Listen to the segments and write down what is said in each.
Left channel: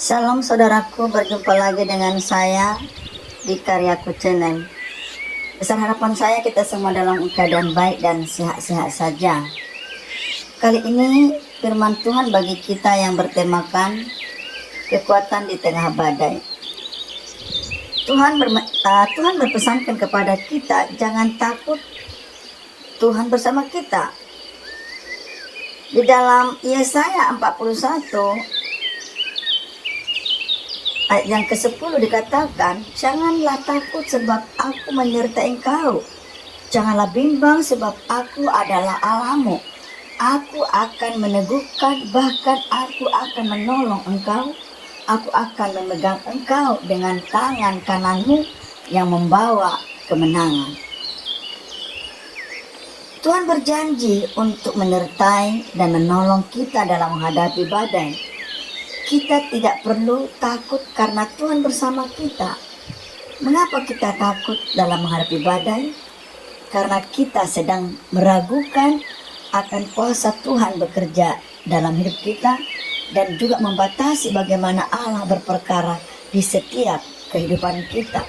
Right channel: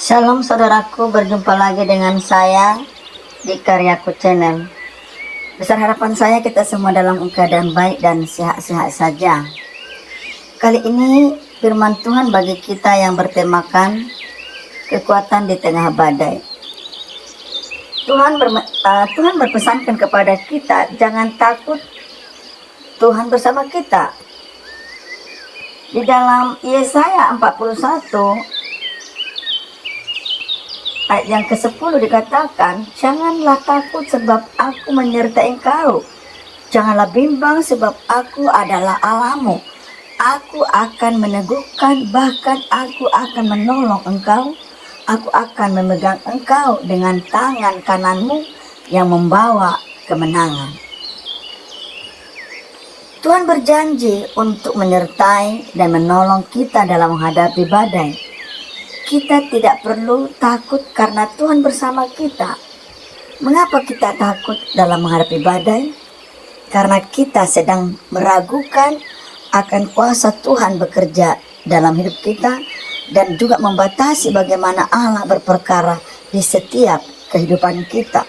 Shalom saudaraku, berjumpa lagi dengan saya di Karyaku Channel. Besar harapan saya kita semua dalam keadaan baik dan sehat-sehat saja. Kali ini firman Tuhan bagi kita yang bertemakan kekuatan di tengah badai. Tuhan berpesankan kepada kita, jangan takut, Tuhan bersama kita. Di dalam Yesaya 41 ayat yang ke-10 dikatakan, janganlah takut sebab aku menyertai engkau. Janganlah bimbang sebab aku adalah Allahmu. Aku akan meneguhkan, bahkan aku akan menolong engkau. Aku akan memegang engkau dengan tangan kananmu yang membawa kemenangan. Tuhan berjanji untuk menyertai dan menolong kita dalam menghadapi badai. Kita tidak perlu takut karena Tuhan bersama kita. Mengapa kita takut dalam menghadapi badai? Karena kita sedang meragukan akan kuasa Tuhan bekerja dalam hidup kita dan juga membatasi bagaimana Allah berperkara di setiap kehidupan kita.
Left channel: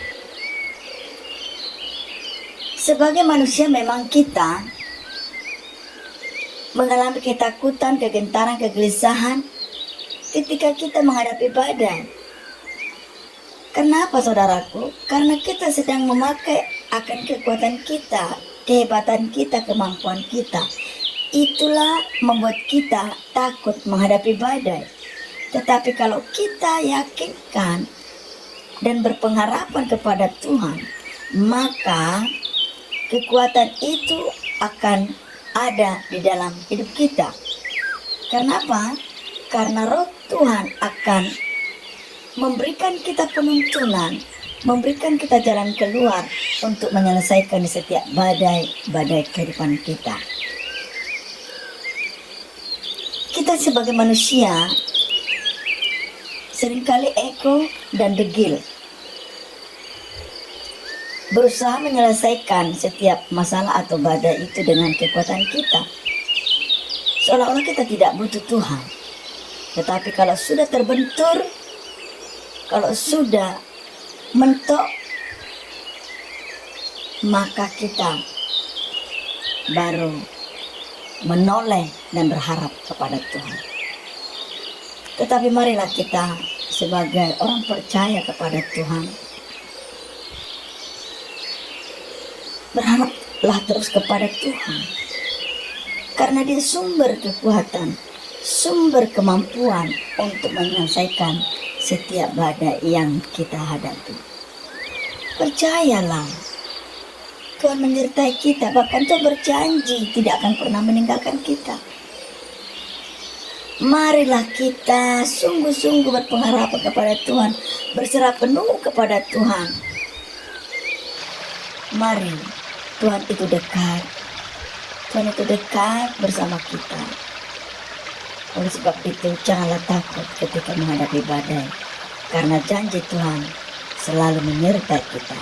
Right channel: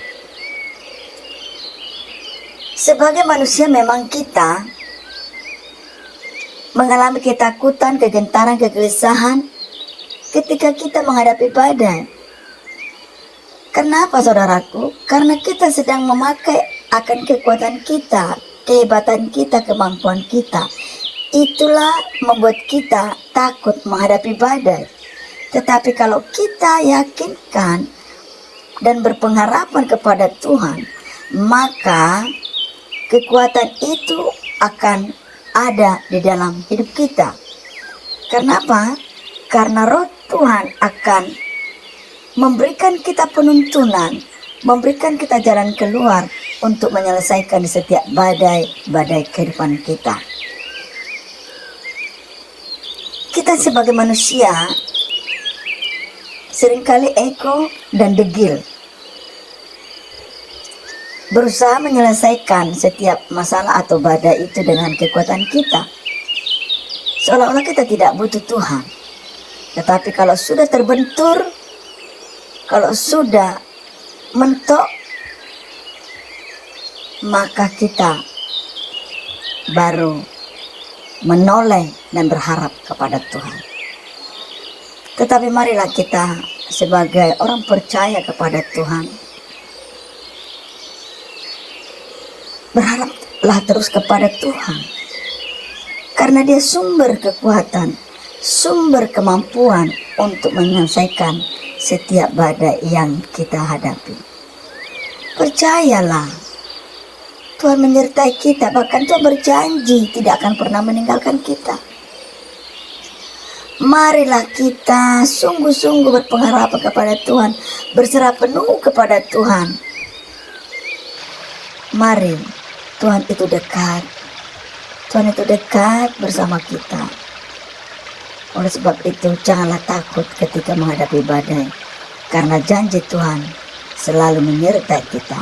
Sebagai manusia memang kita mengalami ketakutan, kegentaran, kegelisahan ketika kita menghadapi badai. Kenapa saudaraku? Karena kita sedang memakai akan kekuatan kita, kehebatan kita, kemampuan kita. Itulah membuat kita takut menghadapi badai. Tetapi kalau kita yakinkan dan berpengharapan kepada Tuhan, maka kekuatan itu akan ada di dalam hidup kita. Kenapa? Karena roh Tuhan akan memberikan kita penuntunan, memberikan kita jalan keluar untuk menyelesaikan setiap badai kehidupan kita. Kita sebagai manusia seringkali ego dan degil, berusaha menyelesaikan setiap masalah atau badai itu dengan kekuatan kita, seolah-olah kita tidak butuh Tuhan. Tetapi kalau sudah terbentur, kalau sudah mentok, maka kita baru menoleh dan berharap kepada Tuhan. Tetapi marilah kita sebagai orang percaya kepada Tuhan, berharaplah terus kepada Tuhan. Karena Dia sumber kekuatan, sumber kemampuan untuk menyelesaikan setiap badai yang kita hadapi. Percayalah, Tuhan menyertai kita, bahkan Tuhan berjanji tidak akan pernah meninggalkan kita. Marilah kita sungguh-sungguh berpengharapan kepada Tuhan, berserah penuh kepada Tuhan. Mari, Tuhan itu dekat. Tuhan itu dekat bersama kita. Oleh sebab itu, janganlah takut ketika menghadapi badai, karena janji Tuhan selalu menyertai kita.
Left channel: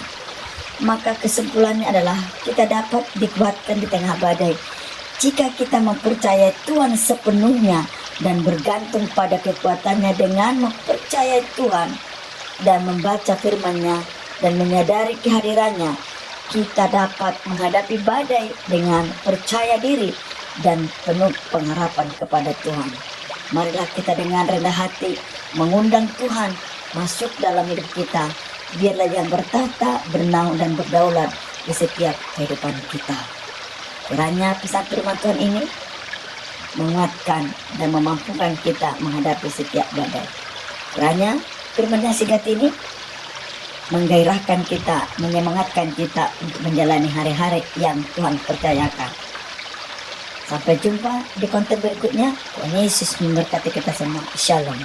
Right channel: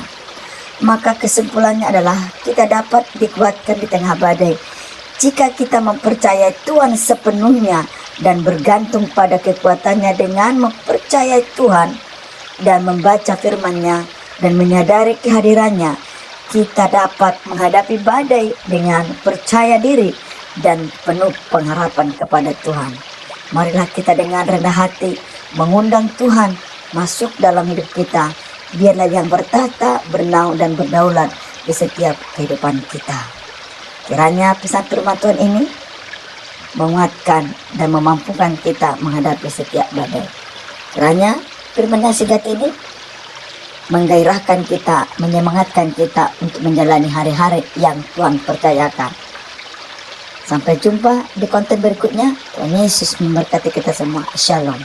Maka kesimpulannya adalah kita dapat dikuatkan di tengah badai jika kita mempercayai Tuhan sepenuhnya dan bergantung pada kekuatannya. Dengan mempercayai Tuhan dan membaca firman-Nya dan menyadari kehadirannya, kita dapat menghadapi badai dengan percaya diri dan penuh pengharapan kepada Tuhan. Marilah kita dengan rendah hati mengundang Tuhan masuk dalam hidup kita. Biarlah yang bertahta, bernaung dan berdaulat di setiap kehidupan kita. Kiranya pesan firman Tuhan ini menguatkan dan memampukan kita menghadapi setiap badai. Kiranya firman yang singkat ini menggairahkan kita, menyemangatkan kita untuk menjalani hari-hari yang Tuhan percayakan. Sampai jumpa di konten berikutnya. Tuhan Yesus memberkati kita semua. Shalom.